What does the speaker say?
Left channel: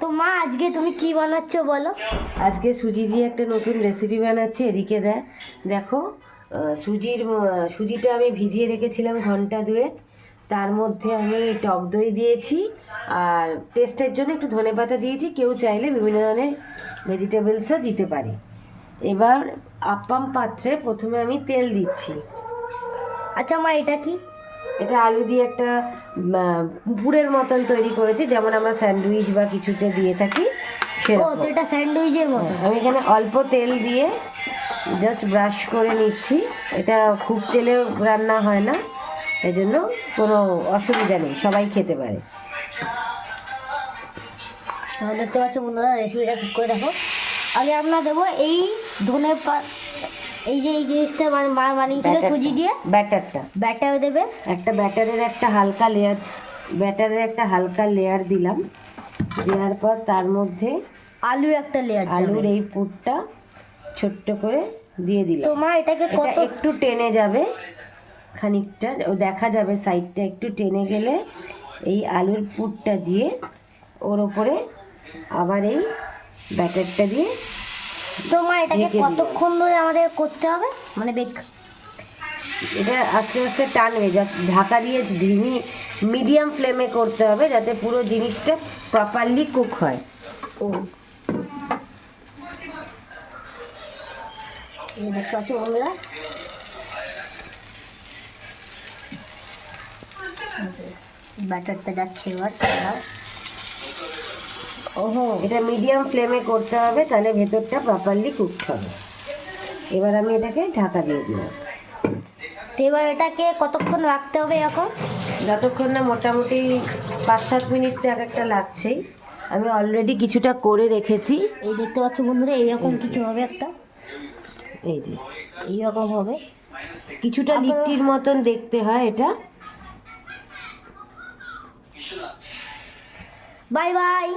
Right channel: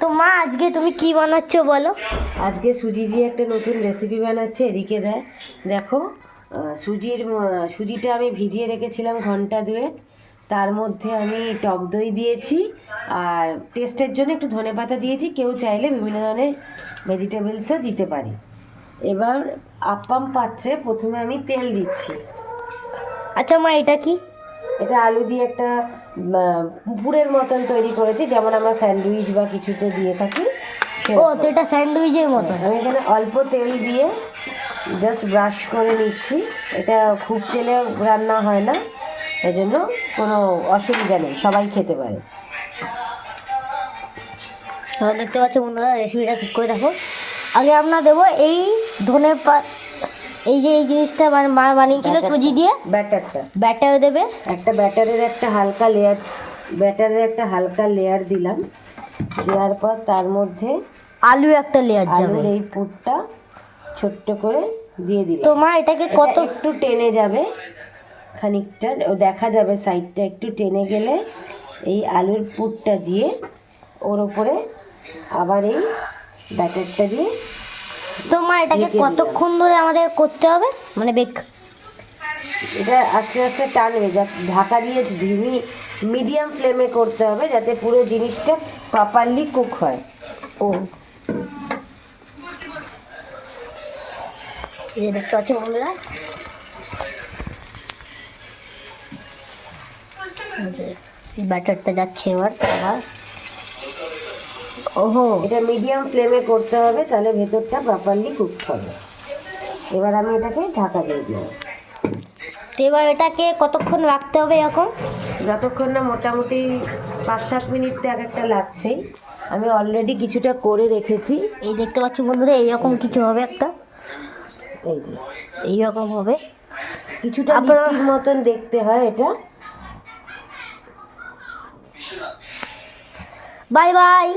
তো মা আজকে তুমি কি বানাচ্ছো বলো। আজকে সুজি দিয়ে একটা নতুন রেসিপি বানাচ্ছি। এদিকে দেখো, সুজিটা আমি ভিজিয়ে রেখেছিলাম ঘন্টা দুয়েক। তার মধ্যে আমি টক দই দিয়েছি আর টেস্টের জন্য একটু ধনেপাতা দিয়েছি। কেউ চাইলে বিভিন্ন ধরনের ভেজিটেবলসও দিতে পারি। এবার আপ্পাম পাত্রে প্রথমে আমি তেল দিচ্ছি। আচ্ছা মা, এটা কি? এটা আলু দিয়ে একটা পুরের মতন তৈরি করেছি, যেমন আমরা স্যান্ডউইচ বা কিছুতে দিয়ে থাকি। ও, তো এটা স্যান্ডউইচের মতো। আমি এখানে অল্প তেল দিয়ে জাস্ট ব্রাশ করে নিচ্ছি। এটা খুব তেলে রান্না হয় না, এই জন্য কোনো অসুবিধা নেই, সবাই খেতে পারে। দেখতে পাচ্ছ বন্ধুরা, রেসিপিটা ঠিক করে দেখো। আগে আমরা দেবো এই ধনে এই যে এই জিনিসটা বানিয়েছিল সুজি দিয়ে ব্যাটার দেবে। ব্যাটারের একটা হালকা লেয়ার দিলাম। দেওয়ার পর তার মধ্যে আলুর এই পুরটা ছোট্ট করে দিয়ে দিলাম। তো মা এটাকে কত একটু টেনে যাবে, খানিকটা দেখা যাবে সাইডটা একটু টেনে গেলে এই আলুর পুরটা দিয়ে ওর ওপরে আবার এই ব্যাটারটা দিয়ে। তো মা এটাকে কতক্ষণ ধরে আমাদের করতে হবে, মানে এটা আস্তে আস্তে টানবে, ঢাকা দিয়ে মিডিয়াম ফ্লেমে করতে হবে, যাতে পুরো জিনিসটা প্রপারলি কুক হয়। দেখতে পাচ্ছ বন্ধুরা, ব্যাটারটা যাচ্ছে এবার। ওহো, এটা মিডিয়াম ফ্লেমে করতে হবে, তাহলে ভেতরটা প্রপারলি কুক হবে। এবার আমি এটাকে ঢাকা দিয়ে দিলাম। তো এবার এটাকে কতক্ষণ রাখতে হবে এখন? যতক্ষণ না মোটামুটি 5-7 মিনিট তো এক একটা লাগছেই। আমি অলরেডি কিছুটা করে রেখেছি। এই দেখতে পাচ্ছ বন্ধুরা, এইরকম কিছু হবে একটা, এই যে এইরকম হবে, কিছুটা লিট্টির মতন দেখতে হয় এটা। Bye bye.